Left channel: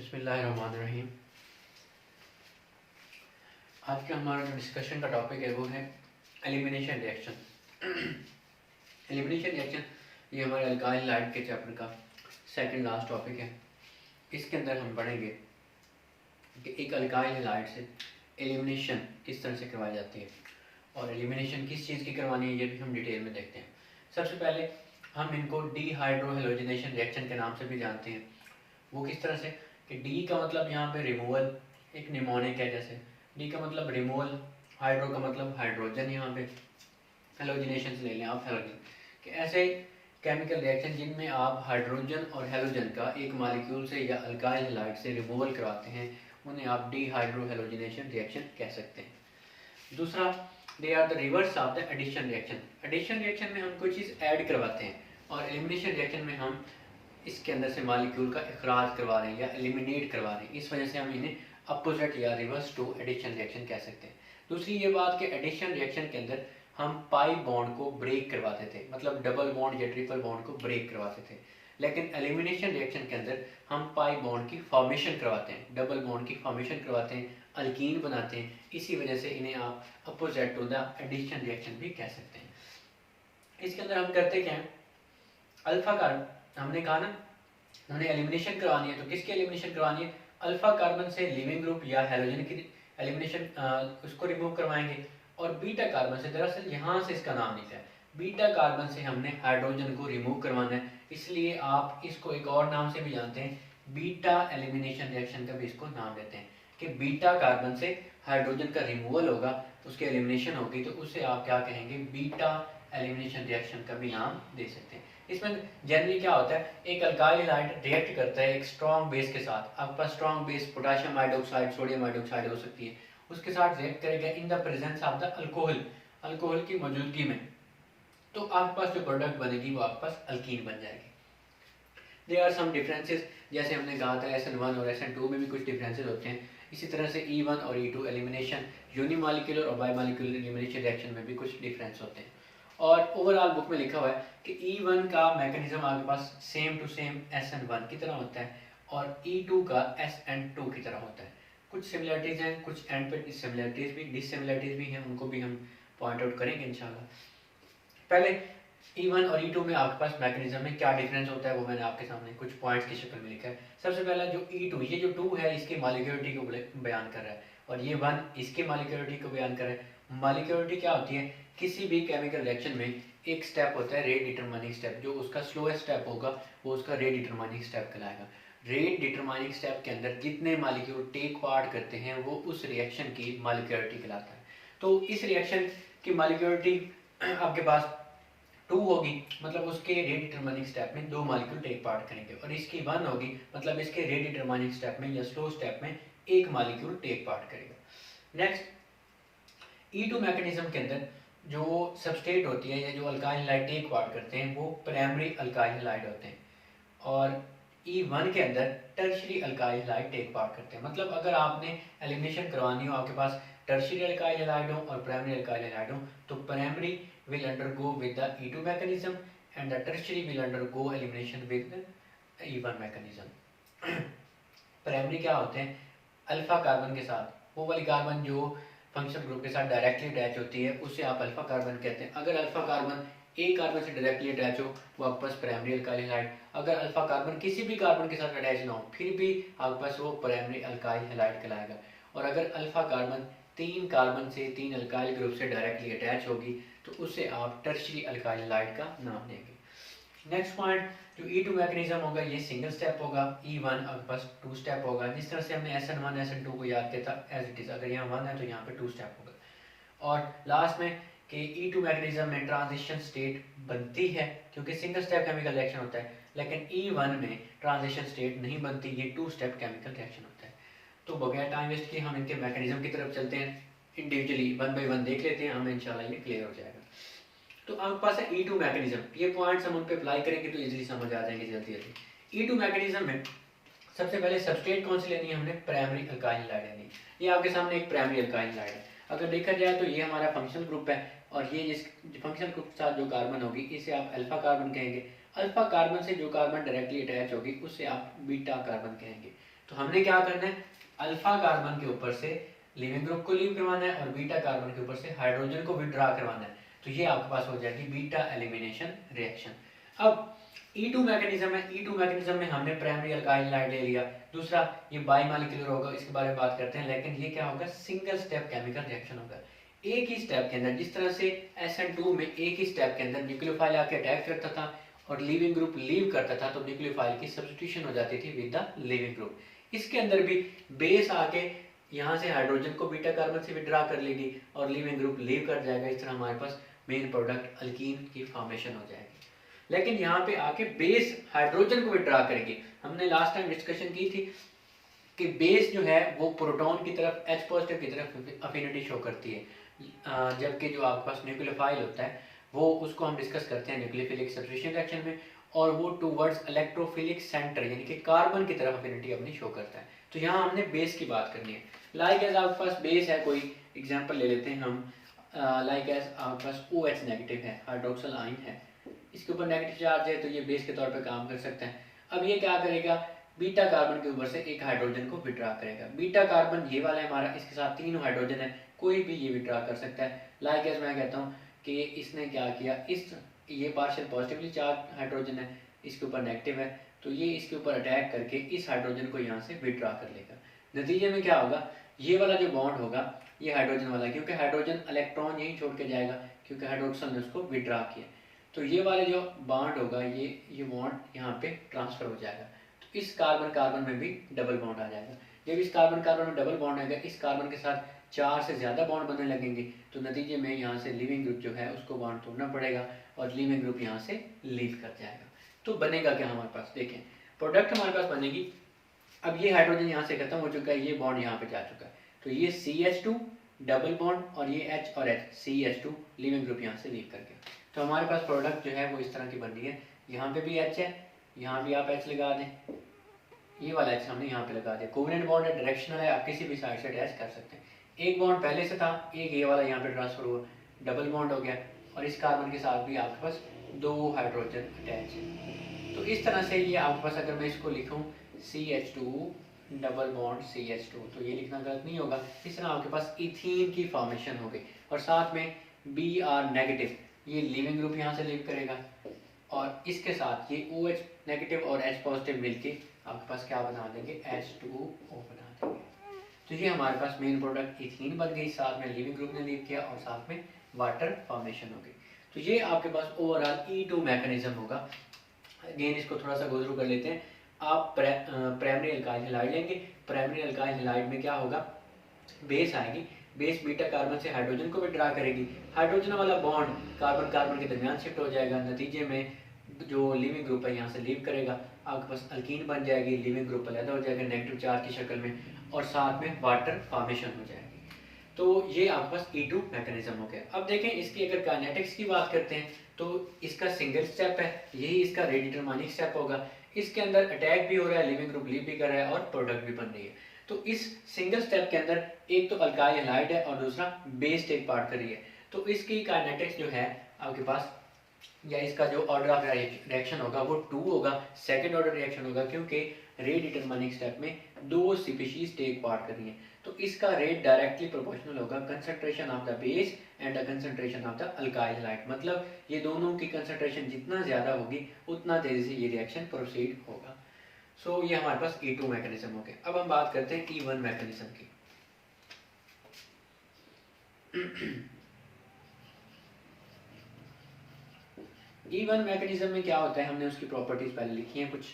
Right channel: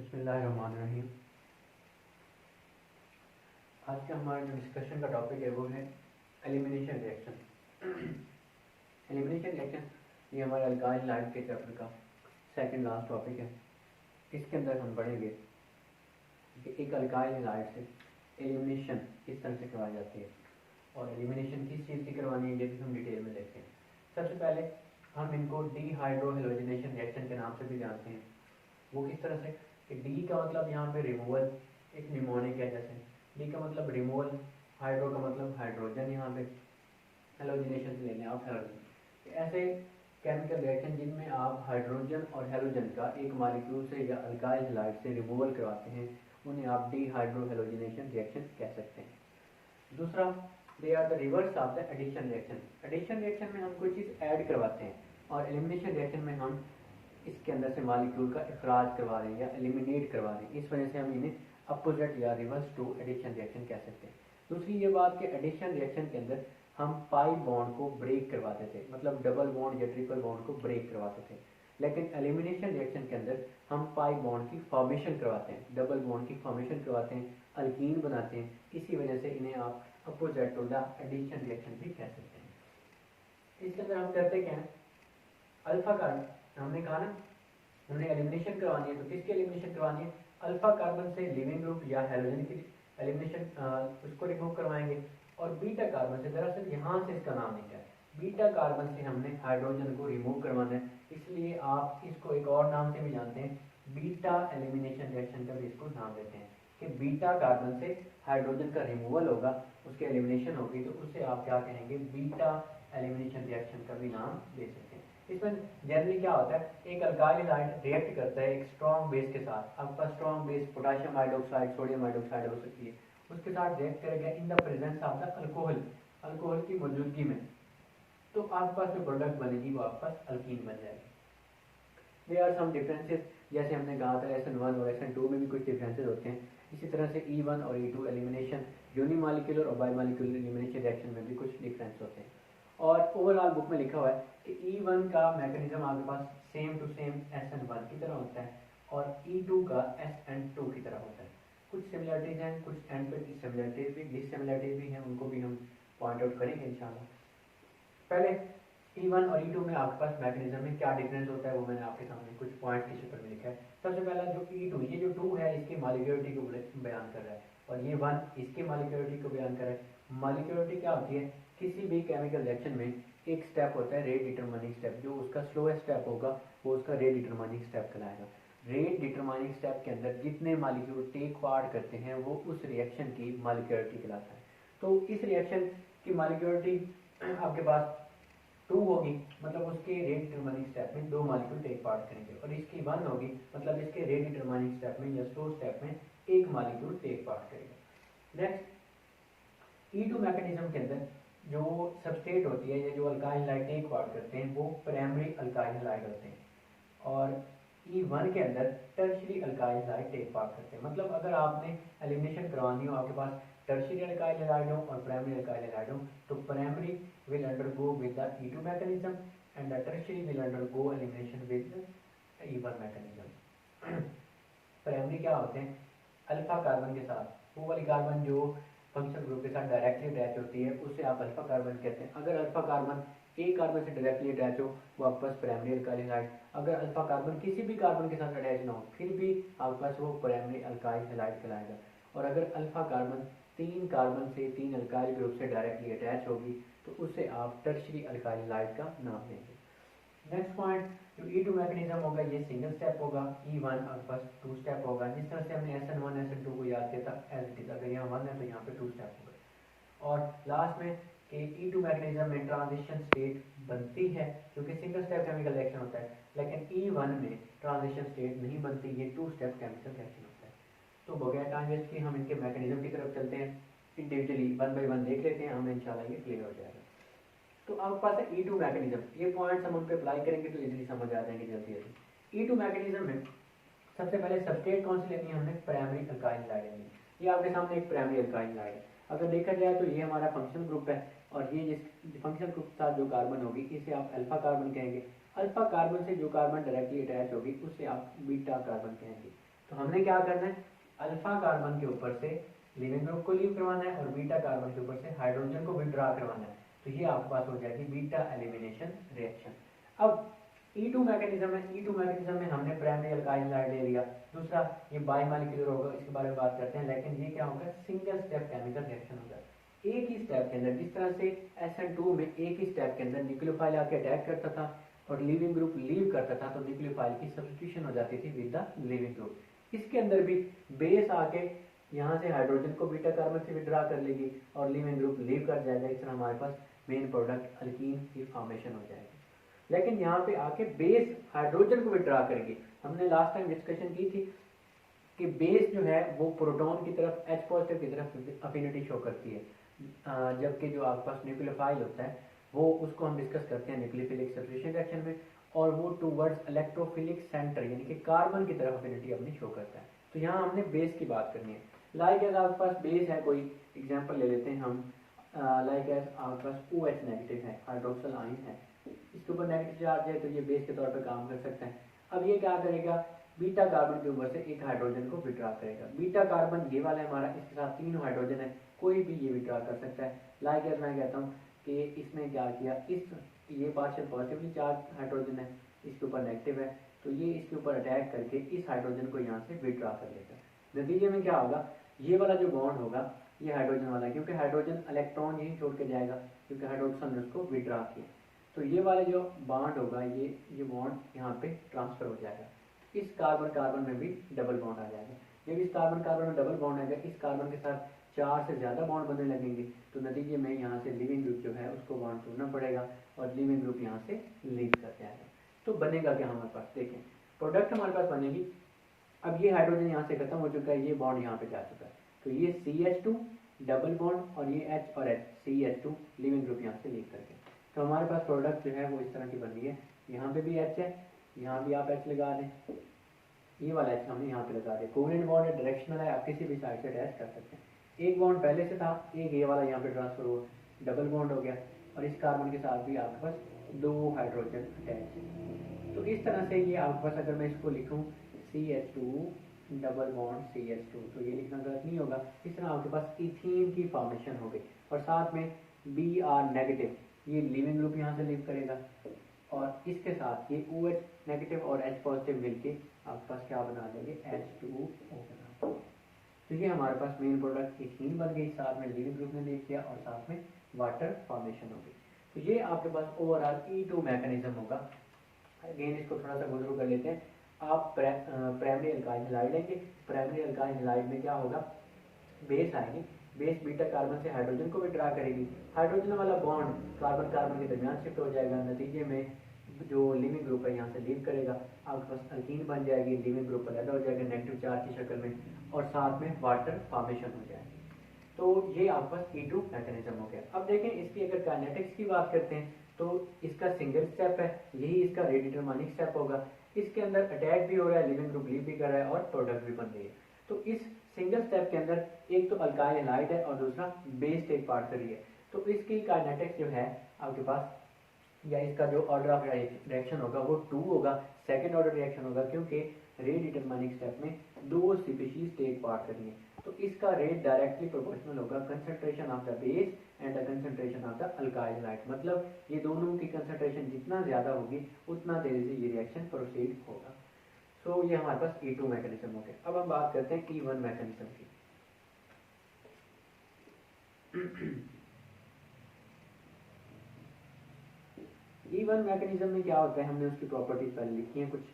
बिस्मिल्लाहिर्रहमानिर्रहीम। आज का हमारा जो डिस्कशन का टॉपिक है वो है एलिमिनेशन रिएक्शन। एलिमिनेशन रिएक्शन ये हमारे अल्काइल लाइट के चैप्टर का सेकंड लास्ट टॉपिक है। इसके अंदर हम पढ़ेंगे कि एक अल्काइल लाइट से एलिमिनेशन किस तरह से करवाई जाती है और एलिमिनेशन किस चीज़ की करवानी है ये भी हम डिटेल में देखते हैं। सबसे पहले हम इनको डीहाइड्रोहेलोजिनेशन रिएक्शन के नाम से भी जानते हैं। वो किस तरह से कि डी का मतलब यहाँ पे रिमूवल, एक निमोनिक है, जैसे डी का मतलब रिमूवल, हाइड्रो का मतलब हाइड्रोजन, यहाँ पे हेलोजिनेशन से ले लें आप हेलोजन कि ऐसे केमिकल रिएक्शन जिनमें आप हाइड्रोजन और हेलोजन का एक मॉलिक्यूल से या अल्काइल हैलाइड से रिमूवल करवाते हैं उन्हें आप डीहाइड्रोहेलोजिनेशन रिएक्शन कह सकते हैं। दूसरा, they are the reverse of the addition reaction. Addition reaction में हम कोई चीज़ ऐड करवाते हैं और एलिमिनेशन रिएक्शन में हम इसके अंदर से मॉलिक्यूल का इखराज करवा रहे हैं या एलिमिनेट करवा रहे हैं। इस वजह से हम इन्हें अपोजिट या रिवर्स टू एडिशन रिएक्शन कह सकते हैं। दूसरी ये बात कि एडिशन रिएक्शन के अंदर हम पाई बॉन्ड को ब्रेक करवाते थे, मतलब डबल बॉन्ड या ट्रिपल बॉन्ड को ब्रेक करवाते थे, लेकिन एलिमिनेशन रिएक्शन के अंदर हम पाई बॉन्ड की फॉर्मेशन करवाते हैं, डबल बॉन्ड की फॉर्मेशन करवाते हैं, अल्कीन बनाते हैं। इसी वजह से इन्हें आप opposite to the addition reaction भी कह सकते हैं। इसके अंदर हम करते क्या हैं, अल्फा कार्बन हमने कहा ना हमने एलिमिनेशन करवानी है, तो किसकी एलिमिनेशन करवानी है, अल्फा कार्बन से लिविंग ग्रुप या हेलोजन की एलिमिनेशन उसको रिमूव करवाएंगे। और बीटा कार्बन से, दरअसल यहाँ से इसका नाम निकला है, बीटा कार्बन से हमने हाइड्रोजन को रिमूव करवाना है, इसलिए आप इसको एक और नाम से भी जानते हैं, बीटा एलिमिनेशन रिएक्शन का भी इसको नाम देते हैं कि बीटा कार्बन से हाइड्रोजन का रिमूवल होगा, उसकी एलिमिनेशन होगी, तो उसे आप क्या कहेंगे, बीटा एलिमिनेशन रिएक्शन का भी नाम दे सकते हैं। इसमें जनरली क्या होता है, एक अल्काइल हैलाइड रिएक्ट करता है एक स्ट्रॉन्ग बेस के साथ। आपके पास strong base potassium hydroxide, sodium hydroxide हो सकती है, उसके साथ रिएक्ट करेगा in the presence of the alcohol, alcohol की मौजूदगी में, तो आपके पास जो प्रोडक्ट बनेगी वो आपके पास अल्कीन बन जाएगी। देयर आर सम डिफरेंसेस, जैसे हमने कहा था SN1 और SN2 में भी कुछ डिफरेंसेस होते हैं। इसी तरह से E1 और E2 एलिमिनेशन, यूनिमॉलिक्यूलर और बायोमॉलिक्यूलर एलिमिनेशन रिएक्शन में भी कुछ डिफरेंस होते हैं। और ओवरऑल बुक में लिखा हुआ है कि E1 का मैकेनिज्म आपके पास सेम टू सेम SN1 की तरह होता है और E2 का SN2 की तरह होता है। कुछ सिमिलरिटीज़ हैं, कुछ एंड पे डिससिमिलरिटीज़ भी हैं, उनको भी हम पॉइंट आउट करेंगे इंशाल्लाह। पहले E1 और E2 में आपके पास मैकेनिज्म में क्या डिफरेंस होता है वो मैंने आपके सामने कुछ पॉइंट्स की शक्ल में लिखा है। सबसे पहला जो E2, ये जो 2 है इसकी मॉलिक्यूलरिटी को बयान कर रहा है और ये 1 इसकी मॉलिक्यूलरिटी को बयान कर रहा है। मॉलिक्यूलरिटी क्या होती है, किसी भी केमिकल रिएक्शन में एक स्टेप होता है रेट डिटरमाइनिंग स्टेप, जो उसका स्लोएस्ट स्टेप होगा वो उसका रेट डिटरमाइनिंग स्टेप कहलाएगा। रेट डिटरमाइनिंग स्टेप के अंदर जितने मॉलिक्यूल टेक पार्ट करते हैं वो उस रिएक्शन की मॉलिक्यूलरिटी कहलाता है। तो इस रिएक्शन की मॉलिक्यूलरिटी आपके पास 2 होगी, मतलब उसके रेट डिटरमाइनिंग स्टेप में 2 मॉलिक्यूल टेक पार्ट करेंगे, और इसकी 1 होगी, मतलब इसके रेट डिटरमाइनिंग स्टेप में या स्लो स्टेप में 1 मॉलिक्यूल टेक पार्ट करेगा। नेक्स्ट, E2 मैकेनिज्म के अंदर जो सबस्ट्रेट होती है या जो अल्काइल हैलाइड टेक पार्ट करते हैं वो प्राइमरी अल्काइल हैलाइड होते हैं, और E1 के अंदर tertiary alkyl halide take part करते हैं। मतलब अगर आपने एलिमिनेशन करवानी हो, आपके पास टर्शियरी अल्काइल हैलाइड हो और प्राइमरी अल्काइल हैलाइड हो, तो primary will undergo with the E2 mechanism and the tertiary will undergo elimination with the E1 mechanism. Primary क्या होते हैं, अल्फा कार्बन के साथ, वो वाली कार्बन जो फंक्शनल ग्रुप के साथ डायरेक्टली अटैच होती है उसे आप अल्फा कार्बन कहते हैं। अगर अल्फा कार्बन एक कार्बन से डायरेक्टली अटैच हो वो आपके पास प्राइमरी अल्काइल हैलाइड, अगर अल्फा कार्बन किसी भी कार्बन के साथ अटैच ना हो फिर भी आपके पास वो प्राइमरी अल्काइल हैलाइड कहलाएगा। और अगर अल्फा कार्बन 3 कार्बन से 3 अल्काइल ग्रुप से डायरेक्टली अटैच होगी तो उसे आप टर्शियरी अल्काइल हैलाइड का नाम देंगे। नेक्स्ट पॉइंट, जो E2 मैकेनिज्म होगा ये सिंगल स्टेप होगा, E1 आपके पास 2 स्टेप होगा। जिस तरह से हमने SN1 SN2 को याद किया था एज इट इज़, अगर यहाँ 1 है तो यहाँ पे 2 स्टेप होगा। और लास्ट में कि E2 मैकेनिज्म में ट्रांजिशन स्टेट बनती है क्योंकि सिंगल स्टेप केमिकल रिएक्शन होता है, लेकिन E1 में ट्रांजिशन स्टेट नहीं बनती, ये 2 स्टेप केमिकल रिएक्शन होता है। तो बगैर टाइम वेस्ट किए हम इनके मैकेनिज्म की तरफ चलते हैं, इंडिविजुअली 1 बाय 1 देख लेते हैं, हमें इंशाल्लाह ये क्लियर हो जाएगा। तो आपके पास है E2 मैकेनिज्म, ये पॉइंट्स हम उन पे अप्लाई करेंगे तो इजीली समझ आ जाएंगे जल्दी जल्दी। E2 मैकेनिज्म में सबसे पहले सबस्ट्रेट कौन सी लेनी है, हमने प्राइमरी अल्काइल हैलाइड लेनी है। ये आपके सामने एक प्राइमरी अल्काइल हैलाइड है। अगर देखा जाए तो ये हमारा फंक्शनल ग्रुप है और ये जिस फंक्शनल ग्रुप के साथ जो कार्बन होगी इसे आप अल्फा कार्बन कहेंगे। अल्फा कार्बन से जो कार्बन डायरेक्टली अटैच होगी उसे आप बीटा कार्बन कहेंगे। तो हमने क्या करना है, अल्फा कार्बन के ऊपर से लिविंग ग्रुप को लीव करवाना है और बीटा कार्बन के ऊपर से हाइड्रोजन को विड्रॉ करवाना है। तो ये आपके पास हो जाएगी बीटा एलिमिनेशन रिएक्शन। अब E2 मैकेनिज्म है, E2 मैकेनिज्म में हमने प्राइमरी अल्काइल हैलाइड ले लिया। दूसरा ये बाई मॉलिक्यूलर होगा, इसके बारे में बात करते हैं, लेकिन ये क्या होगा, सिंगल स्टेप केमिकल रिएक्शन होगा। एक ही स्टेप के अंदर, जिस तरह से SN2 में एक ही स्टेप के अंदर न्यूक्लियोफाइल आके अटैक करता था और लिविंग ग्रुप लीव करता था, तो न्यूक्लियोफाइल की सब्स्टिट्यूशन हो जाती थी विद द लिविंग ग्रुप। इसके अंदर भी बेस आके यहाँ से हाइड्रोजन को बीटा कार्बन से विड्रॉ कर लेगी और लिविंग ग्रुप लीव कर जाएगा। इस तरह हमारे पास मेन प्रोडक्ट अल्कीन की फॉर्मेशन हो जाएगी। लेकिन यहाँ पे आके बेस हाइड्रोजन को विड्रॉ करेगी। हमने लास्ट टाइम डिस्कशन की थी कि बेस जो है वो प्रोटॉन की तरफ H पॉजिटिव की तरफ अफिनिटी शो करती है, जबकि जो आपके पास न्यूक्लियोफाइल होता है वो, उसको हम डिस्कस करते हैं न्यूक्लियोफिलिक सब्स्टिट्यूशन रिएक्शन में, और वो टूवर्ड्स इलेक्ट्रोफिलिक सेंटर यानी कि कार्बन की तरफ अफिनिटी अपनी शो करता है। तो यहाँ हमने बेस की बात करनी है। लाइक एज आपके पास बेस है, कोई एग्जांपल ले लेते हैं हम, लाइक एज आपके पास OH नेगेटिव है, हाइड्रोक्सल आयन है, इसके ऊपर नेगेटिव चार्ज है, तो ये बेस के तौर पे काम कर सकते हैं। अब ये क्या करेगा, बीटा कार्बन के ऊपर से एक हाइड्रोजन को विड्रॉ करेगा। बीटा कार्बन ये वाला है हमारा, इसके साथ 3 हाइड्रोजन है, कोई भी ये विड्रॉ कर सकता है। लाइक एज मैं कहता हूँ कि इसने क्या किया, इस ये पार्शियल पॉजिटिवली चार्ज हाइड्रोजन है, इसके ऊपर नेगेटिव है, तो ये इसके ऊपर अटैक करके इस हाइड्रोजन को यहाँ से विड्रॉ कर लेगा। नतीजे में क्या होगा, ये वाला जो बॉन्ड होगा ये हाइड्रोजन वाला, क्योंकि हाइड्रोजन इलेक्ट्रॉन यहीं छोड़ के जाएगा क्योंकि हाइड्रोक्सल ने उसको विड्रॉ किया, तो ये वाले जो बॉन्ड होगा ये बॉन्ड यहाँ पे ट्रांसफर हो जाएगा। तो इस कार्बन कार्बन में भी डबल बॉन्ड आ जाएगा। जब इस कार्बन कार्बन में डबल बॉन्ड आएगा, इस कार्बन के साथ 4 से ज़्यादा बॉन्ड बनने लगेंगे, तो नतीजे में यहाँ से लिविंग ग्रुप जो है उसको बॉन्ड तोड़ना पड़ेगा और लिविंग ग्रुप यहाँ से लीव कर जाएगा। तो बनेगा क्या हमारे पास, देखें प्रोडक्ट हमारे पास बनेगी। अब ये हाइड्रोजन यहाँ से खत्म हो चुका है, ये बॉन्ड यहाँ पे जा चुका है, तो ये CH2 डबल बॉन्ड और ये H और H, CH2 लिविंग ग्रुप यहाँ से लीव करके, तो हमारे पास प्रोडक्ट जो है वो इस तरह की बन रही है। यहाँ पे भी H है, यहाँ भी आप H लगा दें, ये वाला H हमने यहाँ पे लगा दिया। कोवेलेंट बॉन्ड है, डायरेक्शनल है, आप किसी भी साइड से अटैच कर सकते हैं। एक बॉन्ड पहले से था, एक ये वाला यहाँ पे ट्रांसफर हुआ, डबल बॉन्ड हो गया, और इस कार्बन के साथ भी आपके पास 2 हाइड्रोजन अटैच है। तो इस तरह से ये आपके पास, अगर मैं इसको लिखूँ CH2 डबल बॉन्ड CH2, तो ये लिखना गलत नहीं होगा। इस तरह आपके पास इथीन की फॉर्मेशन हो गई, और साथ में Br नेगेटिव, ये लिविंग ग्रुप यहाँ से लीव करेगा, और इसके साथ ये OH नेगेटिव और H पॉजिटिव मिलके आपके पास क्या बना देंगे, H2O बना देंगे। तो ये हमारे पास मेन प्रोडक्ट इथीन बन गई, साथ में लिविंग ग्रुप ने लीव किया और साथ में वाटर फॉर्मेशन हो गई। तो ये आपके पास ओवरऑल E2 मैकेनिज्म होगा। अगेन इसको थोड़ा सा गो थ्रू कर लेते हैं। आप प्राइमरी अल्काइल हैलाइड लेंगे, प्राइमरी अल्काइल हैलाइड में क्या होगा, बेस आएगी, बेस बीटा कार्बन से हाइड्रोजन को विड्रॉ करेगी, हाइड्रोजन वाला बॉन्ड कार्बन कार्बन के दरमियान शिफ्ट हो जाएगा, नतीजे में जो लिविंग ग्रुप है यहाँ से लीव करेगा, आपके पास अल्कीन बन जाएगी, लिविंग ग्रुप अलग हो जाएगा नेगेटिव चार्ज की शक्ल में, और साथ में वाटर फॉर्मेशन हो जाएगी। तो ये आपके पास E2 मैकेनिज्म हो गया। अब देखें इसकी अगर काइनेटिक्स की बात करते हैं, तो इसका सिंगल स्टेप है, यही इसका रेट डिटरमाइनिंग स्टेप होगा। इसके अंदर अटैक भी हो रहा है, लिविंग ग्रुप लीव भी कर रहा है और प्रोडक्ट भी बन रही है। तो इस सिंगल स्टेप के अंदर एक तो अल्काइल हैलाइड है और दूसरा बेस टेक पार्ट कर रही है। तो इसकी काइनेटिक्स जो है आपके पास, या इसका जो ऑर्डर ऑफ रिएक्शन होगा वो 2 होगा, सेकंड ऑर्डर रिएक्शन होगा, क्योंकि रेट डिटरमाइनिंग स्टेप में 2 स्पीशीज टेक पार्ट कर रही है। तो इसका रेट डायरेक्टली प्रोपोर्शनल होगा concentration of the base and the concentration of the alkyl halide. मतलब ये दोनों की कंसंट्रेशन जितना ज़्यादा होगी उतना तेज़ी से ये रिएक्शन प्रोसीड होगा। सो ये हमारे पास E2 मैकेनिज्म हो गया। अब हम बात करते हैं E1 मैकेनिज्म की। E1 मैकेनिज्म में क्या होता है, हमने उसकी प्रॉपर्टीज पहले लिखी हैं कुछ।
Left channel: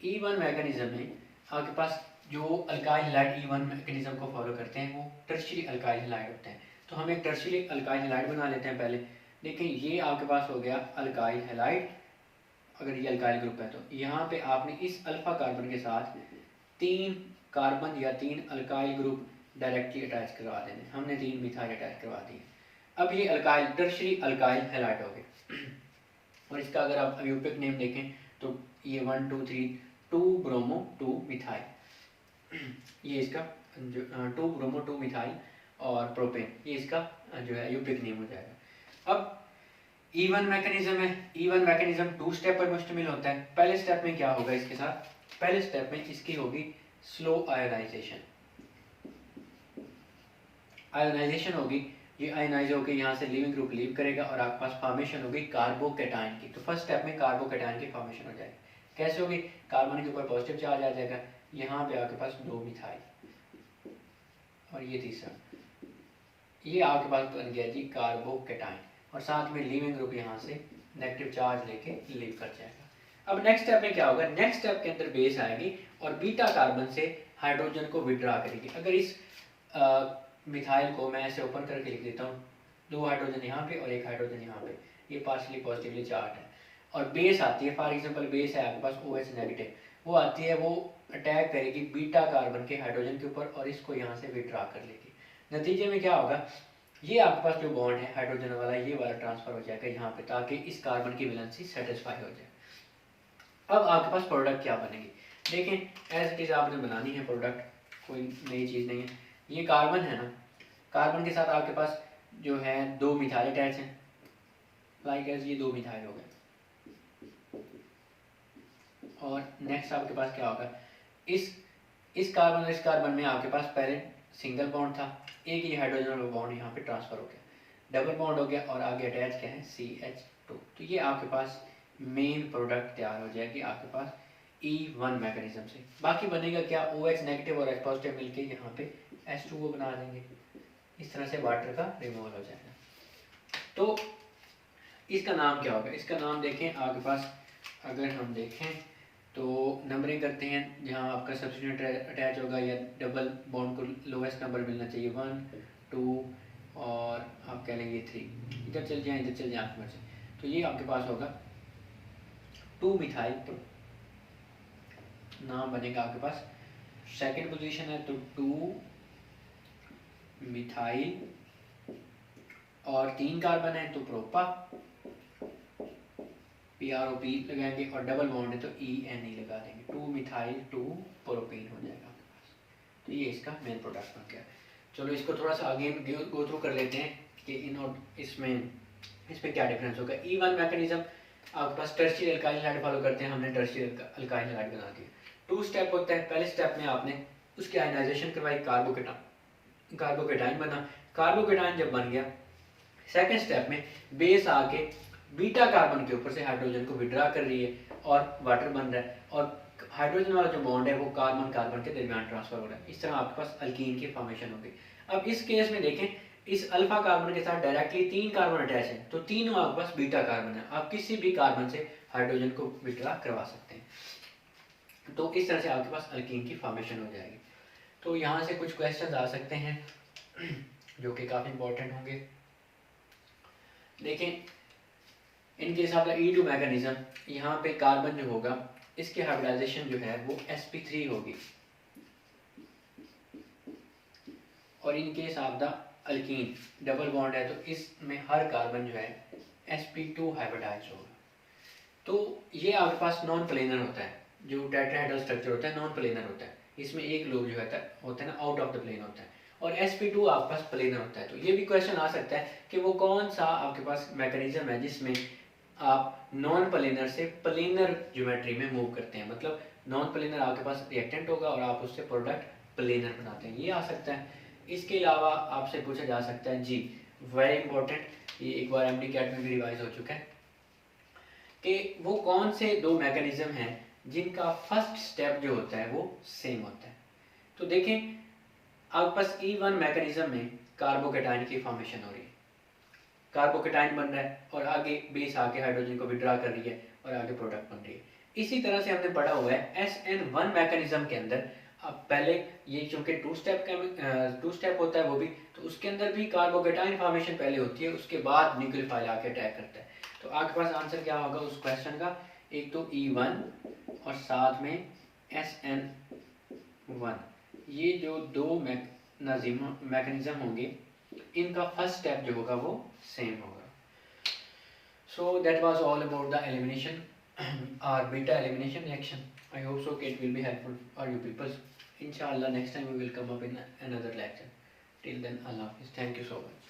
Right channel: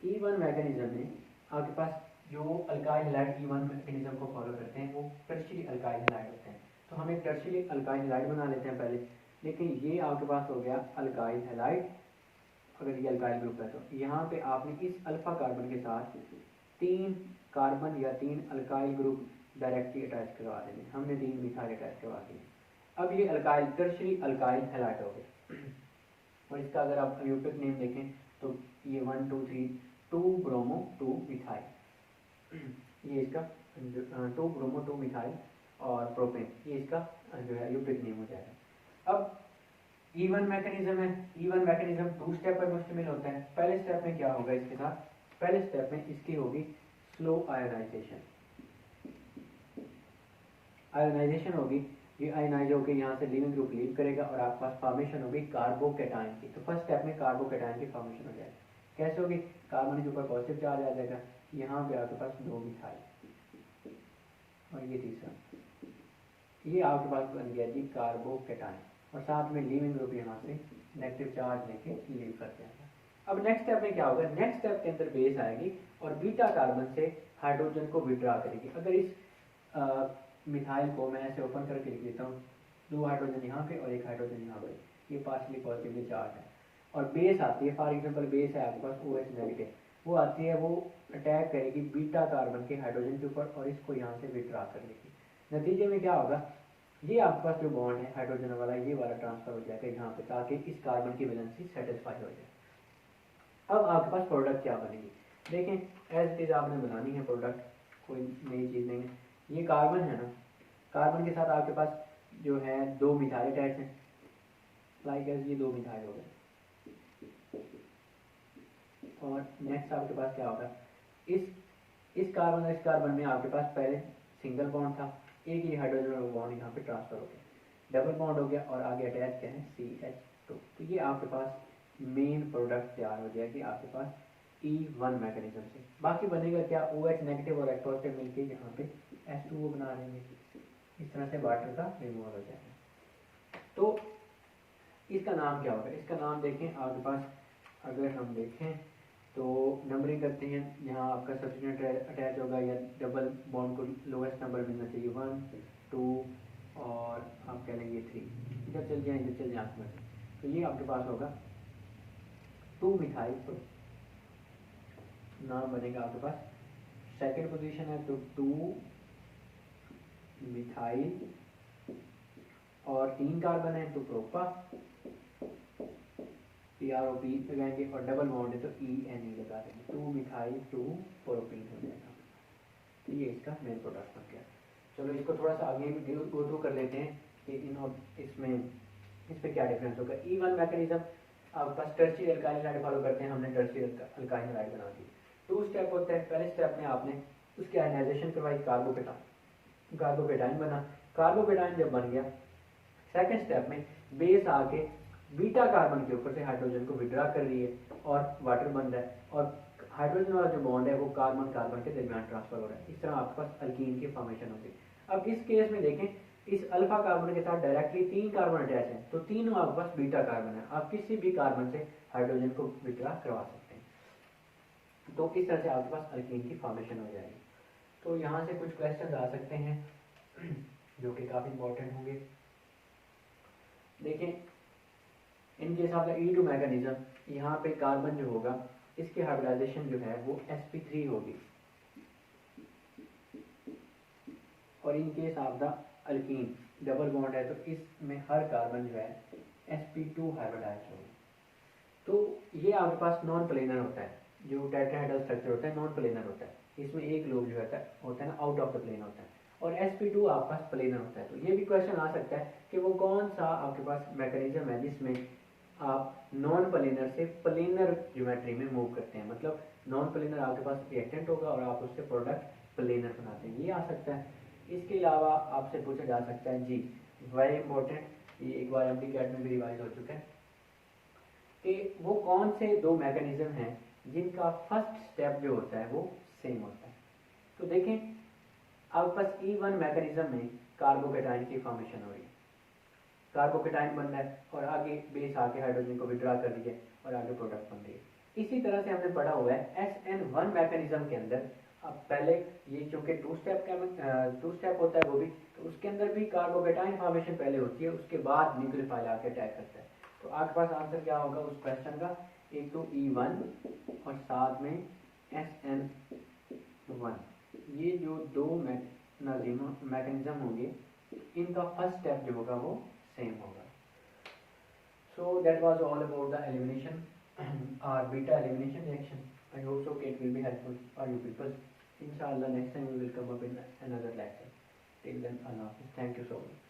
E1 मैकेनिज्म में आपके पास जो अल्काइल हैलाइड E1 मैकेनिज्म को फॉलो करते हैं वो टर्शियरी अल्काइल हैलाइड होते हैं। तो हम एक टर्शियरी अल्काइल हैलाइड बना लेते हैं पहले। देखिए ये आपके पास हो गया अल्काइल हैलाइड, अगर ये अल्काइल ग्रुप है तो यहाँ पे आपने इस अल्फा कार्बन के साथ 3 कार्बन या 3 अल्काइल ग्रुप डायरेक्टली अटैच करवा देने। हमने 3 मिथाइल अटैच करवा दिए। अब ये अल्काइल टर्शियरी अल्काइल हैलाइड हो गए। और इसका अगर आप अयूपिक नेम देखें तो ये 1 2 3 2 ब्रोमो 2 मिथाइल, ये इसका 2 ब्रोमो 2 मिथाइल और प्रोपेन, ये इसका जो है अयूपिक नेम हो जाएगा। अब E1 मैकेनिज्म है। E1 मैकेनिज्म 2 स्टेप पर मुश्तमिल होता है। पहले स्टेप में क्या होगा इसके साथ, पहले स्टेप में इसकी होगी स्लो आयोनाइजेशन। आयोनाइजेशन होगी, ये आयोनाइज होकर यहाँ से लिविंग ग्रुप लीव करेगा और आपके पास फॉर्मेशन होगी कार्बोकेटाइन की। तो फर्स्ट स्टेप में कार्बोकेटाइन की फॉर्मेशन हो जाएगी। कैसे होगी? कार्बन के ऊपर पॉजिटिव चार्ज आ जाएगा, यहाँ पे आपके पास 2 मिथाइल और ये तीसरा, ये आपके पास बन गया जी कार्बोकेटाइन और साथ में लिविंग ग्रुप यहाँ से नेगेटिव चार्ज लेके लीव कर जाएगा। अब नेक्स्ट स्टेप में क्या होगा? नेक्स्ट स्टेप के अंदर बेस आएगी और बीटा कार्बन से हाइड्रोजन को विड्रा करेगी। अगर इस मिथाइल को मैं ऐसे ओपन करके लिख देता हूँ, 2 हाइड्रोजन यहाँ पे और 1 हाइड्रोजन यहाँ पे, ये पार्शली पॉजिटिवली चार्ज है और बेस आती है, फॉर एग्जांपल बेस है आपके पास OH नेगेटिव, वो आती है, वो अटैक करेगी बीटा कार्बन के हाइड्रोजन के ऊपर और इसको यहाँ से विड्रा कर लेगी। नतीजे में क्या होगा? ये आपके पास जो बॉन्ड है हाइड्रोजन वाला, ये वाला ट्रांसफर हो जाएगा यहाँ पे, ताकि इस कार्बन की वैलेंसी सेटिस्फाई हो जाए। अब आपके पास प्रोडक्ट क्या बनेगी? देखें, एज इट इज़ आपने बनानी है प्रोडक्ट, कोई नई चीज़ नहीं है। ये कार्बन है ना, कार्बन के साथ आपके पास जो है 2 मिथाइल अटैच हैं, लाइक एज ये 2 मिथाइल हो गए। और नेक्स्ट आपके पास क्या होगा? इस कार्बन और इस कार्बन में आपके पास पहले सिंगल बॉन्ड था, एक ही हाइड्रोजन और बॉन्ड यहाँ पे ट्रांसफर हो गया, डबल बॉन्ड हो गया और आगे अटैच क्या है? CH2। तो ये आपके पास मेन प्रोडक्ट तैयार हो जाएगी आपके पास E1 मैकेनिज्म से। बाकी बनेगा क्या? OH नेगेटिव और H पॉजिटिव मिलके यहाँ पे H2O बना देंगे, इस तरह से वाटर का रिमूवल हो जाएगा। तो इसका नाम क्या होगा? इसका नाम देखें आपके पास, अगर हम देखें तो नंबरिंग करते हैं, जहाँ आपका सब्स्टिट्यूट अटैच होगा या डबल बॉन्ड को लोवेस्ट नंबर मिलना चाहिए, 1 2 और आप कह लेंगे 3, इधर चल जाए इधर चल जाए आपकी मर्जी। तो ये आपके पास होगा 2 मिथाइल, नाम बनेगा आपके पास, सेकेंड पोजीशन है तो 2 मिथाइल और 3 कार्बन है तो प्रोपा, PROP लगाएंगे और डबल बॉन्ड है तो ENE लगा देंगे, 2 मिथाइल 2 प्रोपीन हो जाएगा आपके पास। तो ये इसका मेन प्रोडक्ट बन गया। चलो इसको थोड़ा सा आगे गो थ्रू कर लेते हैं कि इसमें क्या डिफरेंस होगा। E1 मैकेनिज्म आपके पास टर्शियरी अल्काइल हाइड फॉलो करते हैं, हमने टर्शियरी अल्काइल हाइड बना दिया। 2 स्टेप होता है, पहले स्टेप में आपने उसकी आयनाइजेशन करवाई, कार्बोकेटाइन बना। कार्बोकेटाइन जब बन गया, सेकेंड स्टेप में बेस आके बीटा कार्बन के ऊपर से हाइड्रोजन को विड्रा कर रही है और वाटर बन रहा है और हाइड्रोजन वाला जो बॉन्ड है वो कार्बन कार्बन के दरमियान ट्रांसफर हो रहा है। इस तरह आपके पास अल्कीन की फॉर्मेशन होगी। अब इस केस में देखें, इस अल्फा कार्बन के साथ डायरेक्टली 3 कार्बन अटैच है, तो तीनों आपके पास बीटा कार्बन है, आप किसी भी कार्बन से हाइड्रोजन को विड्रा करवा सकते हैं। तो इस तरह से आपके पास अल्कीन की फॉर्मेशन हो जाएगी। तो यहाँ से कुछ क्वेश्चन आ सकते हैं जो कि काफ़ी इंपॉर्टेंट होंगे। देखें, इनके साथ E2 मैकेनिज्म, यहाँ पे कार्बन जो होगा इसकी हाइब्रिडाइजेशन जो है वो sp3 होगी और इनके साथ अल्कीन डबल बॉन्ड है तो इसमें हर कार्बन जो है sp2 हाइब्रिडाइज होगा। तो ये आपके पास नॉन प्लेनर होता है, जो टेट्राहेड्रल स्ट्रक्चर होता है नॉन प्लेनर होता है, इसमें एक लोब जो होता है ना आउट ऑफ द प्लेन होता है और sp2 आपके पास प्लेनर होता है। तो ये भी क्वेश्चन आ सकता है कि वो कौन सा आपके पास मैकेनिज्म है जिसमें आप नॉन प्लेनर से प्लेनर ज्योमेट्री में मूव करते हैं, मतलब नॉन प्लेनर आपके पास रिएक्टेंट होगा और आप उससे प्रोडक्ट प्लेनर बनाते हैं, ये आ सकता है। इसके अलावा आपसे पूछा जा सकता है जी, वेरी इंपॉर्टेंट, ये एक बार MD कैट में भी रिवाइज हो चुका है कि वो कौन से 2 मैकेनिज्म हैं जिनका फर्स्ट स्टेप जो होता है वो सेम होता है। तो देखें, आपके पास E1 मैकेनिज्म में कार्बोकेटाइन की फॉर्मेशन हो रही है, कार्बोकेटाइन बन रहा है और आगे बेस आके हाइड्रोजन को विड्रा कर रही है और आगे प्रोडक्ट बन रही है। इसी तरह से हमने पढ़ा हुआ है SN1 मैकेनिज्म के अंदर, अब पहले ये चूंकि 2 स्टेप होता है वो भी, तो उसके अंदर भी कार्बोकेटाइन फॉर्मेशन पहले होती है, उसके बाद न्यूक्लियोफाइल आके अटैक करता है। तो आपके पास आंसर क्या होगा उस क्वेश्चन का? एक तो E1 और साथ में SN1, ये जो 2 मैकेनिज्म होंगे इनका फर्स्ट स्टेप जो होगा वो सेम होगा। So that was all about the elimination और beta elimination reaction. I hope so it will be helpful for you people. Inshallah next time we will come up in another lecture. Till then, Allah Hafiz. Thank you so much.